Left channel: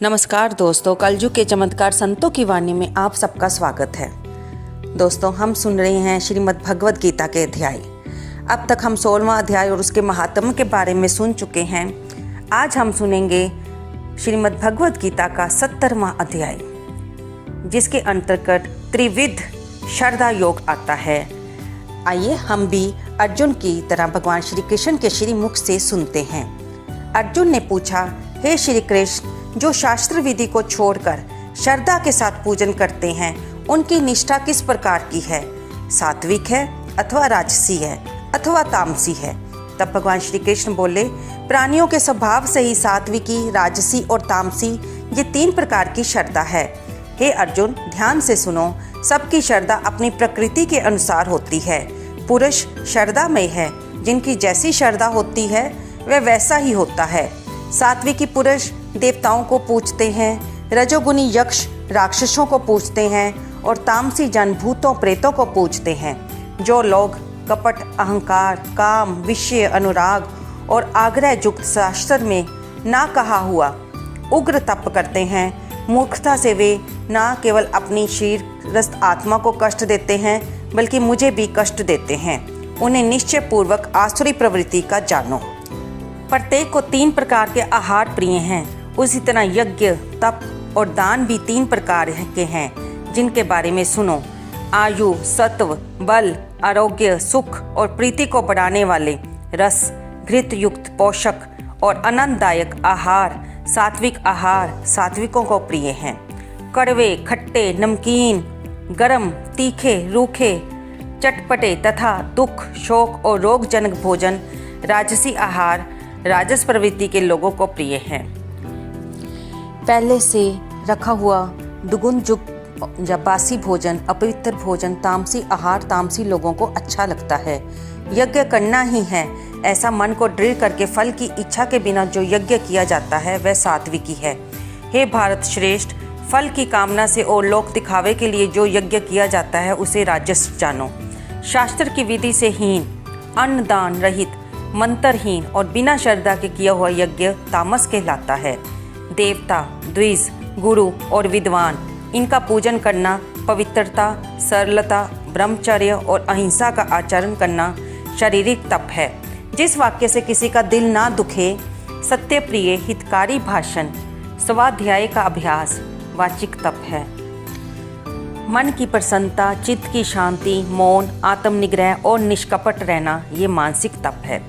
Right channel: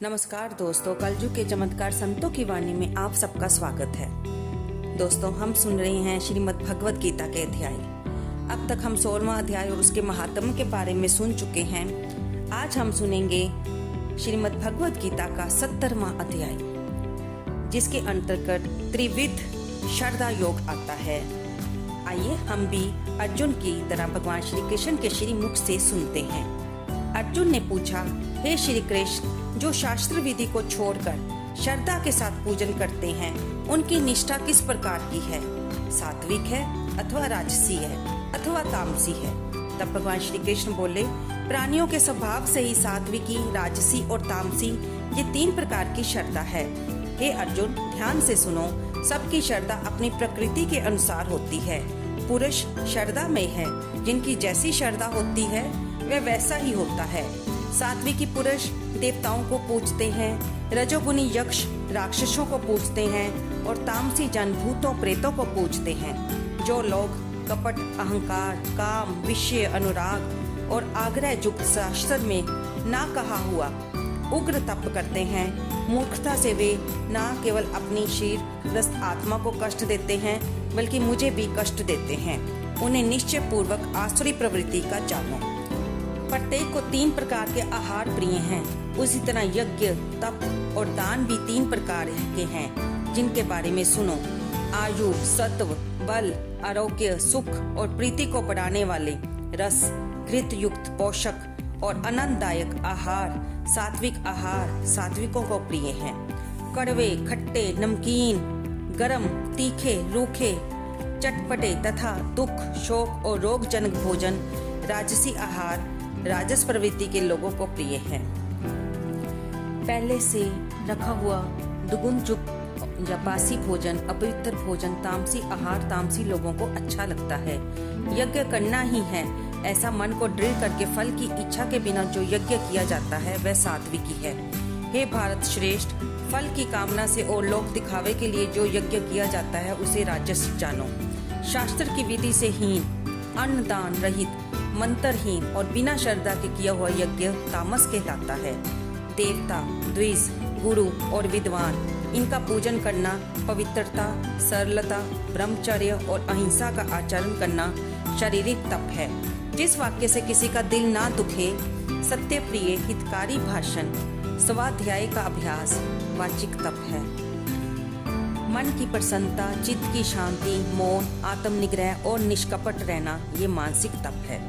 नमस्कार दोस्तों, कलयुग के चमत्कार संतों की वाणी में आप सबका स्वागत है। दोस्तों, हम सुन रहे हैं श्रीमद् भगवद गीता के अध्याय। अब तक हम 16वां अध्याय और उसके महात्म्य के बारे में सुन चुके हैं। आज हम सुनेंगे श्रीमद् भगवद गीता का 70वां अध्याय, जिसके अंतर्गत त्रिविध श्रद्धा योग आता है। आइए हम भी अर्जुन की तरह भगवान श्री कृष्ण के श्री मुख से सुनते हैं। अर्जुन ने पूछा, हे श्री कृष्ण, जो शास्त्र विधि को छोड़कर श्रद्धा के साथ पूजन करते हैं, उनकी निष्ठा किस प्रकार की है? सात्विक है अथवा राजसी है अथवा तामसी है? तब भगवान श्री कृष्ण बोले, प्राणियों के स्वभाव से ही सात्विकी, राजसी और तामसी ये 3 प्रकार की श्रद्धा है। हे अर्जुन, ध्यान से सुनो। सबकी श्रद्धा अपनी प्रकृति के अनुसार होती है। पुरुष श्रद्धामय है, जिनकी जैसी श्रद्धा होती है वह वैसा ही होता है। सात्विकी पुरुष देवताओं को पूजते हैं, रजोगुनी यक्ष राक्षसों को पूजते हैं और तामसी जन भूतों प्रेतों को पूजते हैं। जो लोग कपट, अहंकार, काम, विषय, अनुराग और आग्रह युक्त शास्त्र में ना कहा हुआ उग्र तप करते हैं, मूर्खता से वे ना केवल अपनी शीरग्रस्त आत्मा को कष्ट देते हैं बल्कि मुझे भी कष्ट देते हैं। उन्हें निश्चय पूर्वक आसुरी प्रवृत्ति का जानो। प्रत्येक को 3 प्रकार के आहार प्रिय हैं। उसी तरह यज्ञ, तप और दान भी 3 प्रकार के हैं, जिनके बारे में सुनो। आयु, सत्व, बल, आरोग्य, सुख और प्रीति को बढ़ाने वाले रस, घृत युक्त पोषक और आनंददायक आहार, सात्विक आहार सात्विकों को प्रिय हैं। कड़वे, खट्टे, नमकीन, गरम, तीखे, रूखे, चटपटे तथा दुख, शोक और रोगजनक भोजन राजसी आहार राजस प्रवृत्ति के लोगों को प्रिय है। पहले से रखा हुआ दुगुन युक्त या बासी भोजन, अपवित्र भोजन, तामसी आहार तामसी लोगों को अच्छा लगता है। यज्ञ करना ही है, ऐसा मन को दृढ़ करके फल की इच्छा के बिना जो यज्ञ किया जाता है वह सात्विकी है। हे भारत श्रेष्ठ, फल की कामना से और लोक दिखावे के लिए जो यज्ञ किया जाता है उसे राजस जानो। शास्त्र की विधि से हीन, अन्न दान रहित, मंत्रहीन और बिना श्रद्धा के किया हुआ यज्ञ तामस कहलाता है। देवता, द्विज, गुरु और विद्वान, इनका पूजन करना पवित्रता, सरलता, ब्रह्मचर्य और अहिंसा का आचरण करना शारीरिक तप है। जिस वाक्य से किसी का दिल ना दुखे, सत्य प्रिय, हितकारी भाषण, स्वाध्याय का अभ्यास वाचिक तप है। मन की प्रसन्नता, चित्त की शांति, मौन, आत्मनिग्रह और निष्कपट रहना ये मानसिक तप है।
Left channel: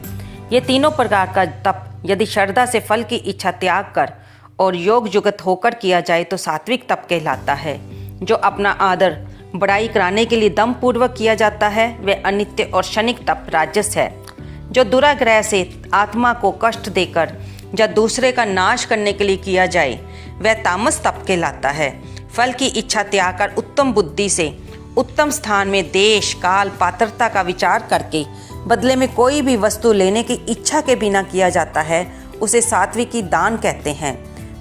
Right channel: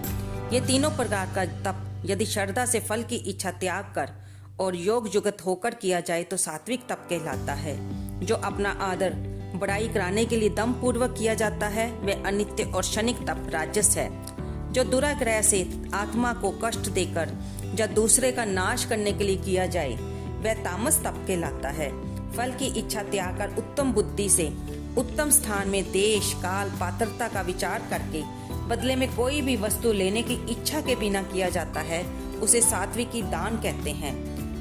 ये 3 प्रकार का तप यदि श्रद्धा से फल की इच्छा त्याग कर और योग जुगत होकर किया जाए तो सात्विक तप कहलाता है। जो अपना आदर बड़ाई कराने के लिए दम पूर्वक किया जाता है वह अनित्य और क्षणिक तप राजस है। जो दुराग्रह से आत्मा को कष्ट देकर या दूसरे का नाश करने के लिए किया जाए वह तामस तप कहलाता है। फल की इच्छा त्याग कर उत्तम बुद्धि से उत्तम स्थान में देश, काल, पात्रता का विचार करके बदले में कोई भी वस्तु लेने की इच्छा के बिना किया जाता है उसे सात्विकी दान कहते हैं।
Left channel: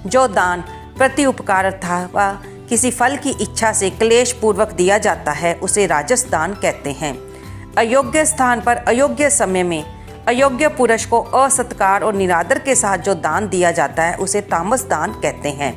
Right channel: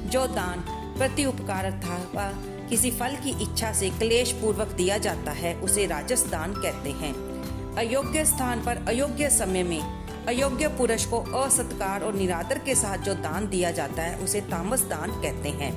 जो दान प्रति उपकार अथवा किसी फल की इच्छा से क्लेश पूर्वक दिया जाता है उसे राजस दान कहते हैं। अयोग्य स्थान पर अयोग्य समय में अयोग्य पुरुष को असत्कार और निरादर के साथ जो दान दिया जाता है उसे तामस दान कहते हैं।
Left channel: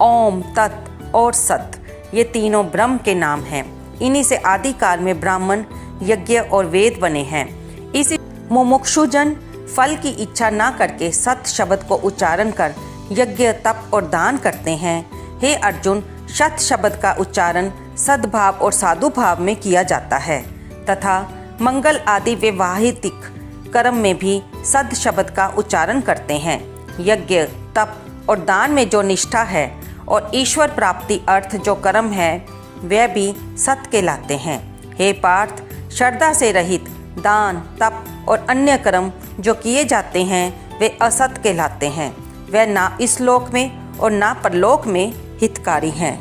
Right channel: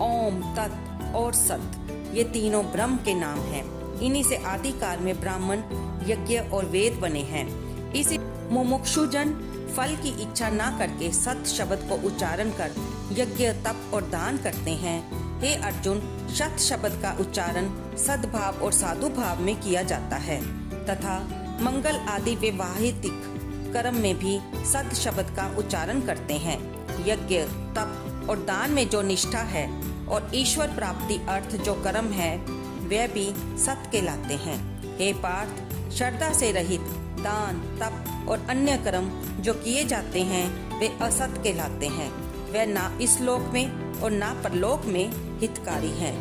ओम, तत् और सत ये तीनों ब्रह्म के नाम हैं। इन्हीं से आदि काल में ब्राह्मण, यज्ञ और वेद बने हैं। इसी मुमुक्षुजन फल की इच्छा ना करके सत शब्द को उच्चारण कर यज्ञ, तप और दान करते हैं। हे अर्जुन, सत शब्द का उच्चारण सद्भाव और साधु भाव में किया जाता है तथा मंगल आदि वैवाहिक कर्म में भी सद शब्द का उच्चारण करते हैं। यज्ञ, तप और दान में जो निष्ठा है और ईश्वर प्राप्ति अर्थ जो कर्म है वह भी सत कहलाते हैं। हे पार्थ, श्रद्धा से रहित दान, तप और अन्य कर्म जो किए जाते हैं वे असत कहलाते हैं। वह ना इस लोक में और ना परलोक में हितकारी हैं।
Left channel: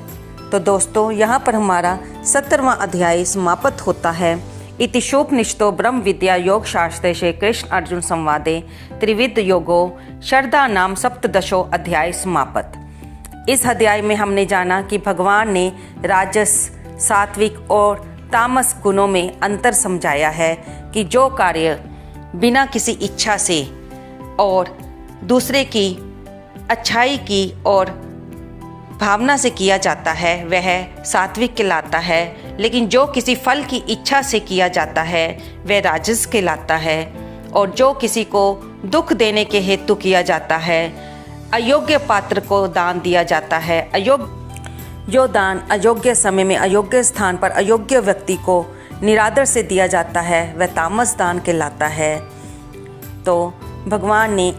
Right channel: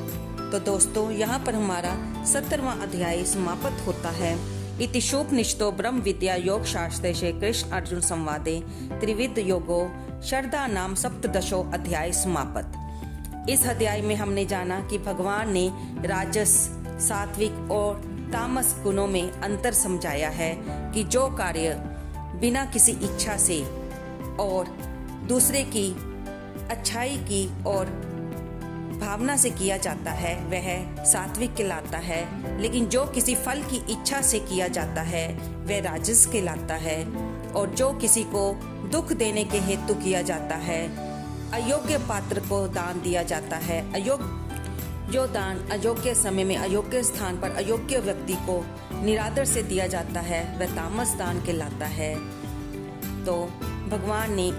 तो दोस्तों, यहाँ पर हमारा 70वां अध्याय समाप्त होता है। इति शोपनिषतो ब्रह्म विद्या योग शास्त्रे श्री कृष्ण अर्जुन संवादे त्रिविध योगो श्रद्धा नाम सप्तदशो अध्याय समाप्त। इस अध्याय में हमने जाना कि भगवान ने राजस, सात्विक और तामस गुणों में अंतर समझाया है कि जो कार्य बिना किसी इच्छा से और दूसरे की अच्छाई की और भावना से किया जाता है वह सात्विक कहलाता है, लेकिन जो किसी फल की इच्छा से किया जाता है वह राजस कहलाता है। और जो किसी को दुख देने के हेतु किया जाता है, अयोग्य पात्र को दान दिया जाता है, जो दान अयोग्य समय में अयोग्य स्थान पर अयोग्य व्यक्ति को निरादर से दिया जाता है वह तामस दान कहलाता है। तो भगवान ने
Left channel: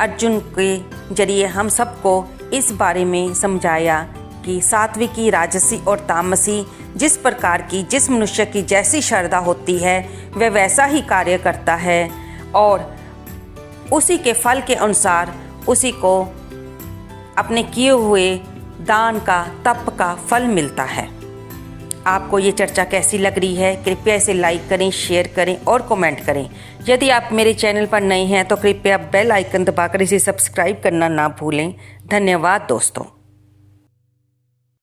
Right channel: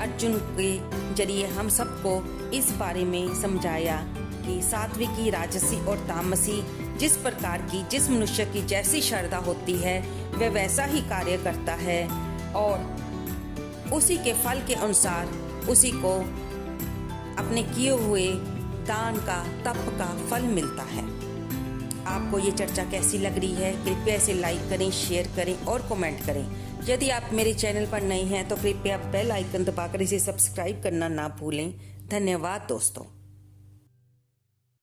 अर्जुन के जरिए हम सबको इस बारे में समझाया कि सात्विकी, राजसी और तामसी जिस प्रकार की जिस मनुष्य की जैसी श्रद्धा होती है वह वैसा ही कार्य करता है और उसी के फल के अनुसार उसी को अपने किए हुए दान का, तप का फल मिलता है। आपको ये चर्चा कैसी लग रही है? कृपया इसे लाइक करें, शेयर करें और कमेंट करें। यदि आप मेरे चैनल पर नए हैं तो कृपया बेल आइकन दबाकर इसे सब्सक्राइब करना ना भूलें। धन्यवाद दोस्तों।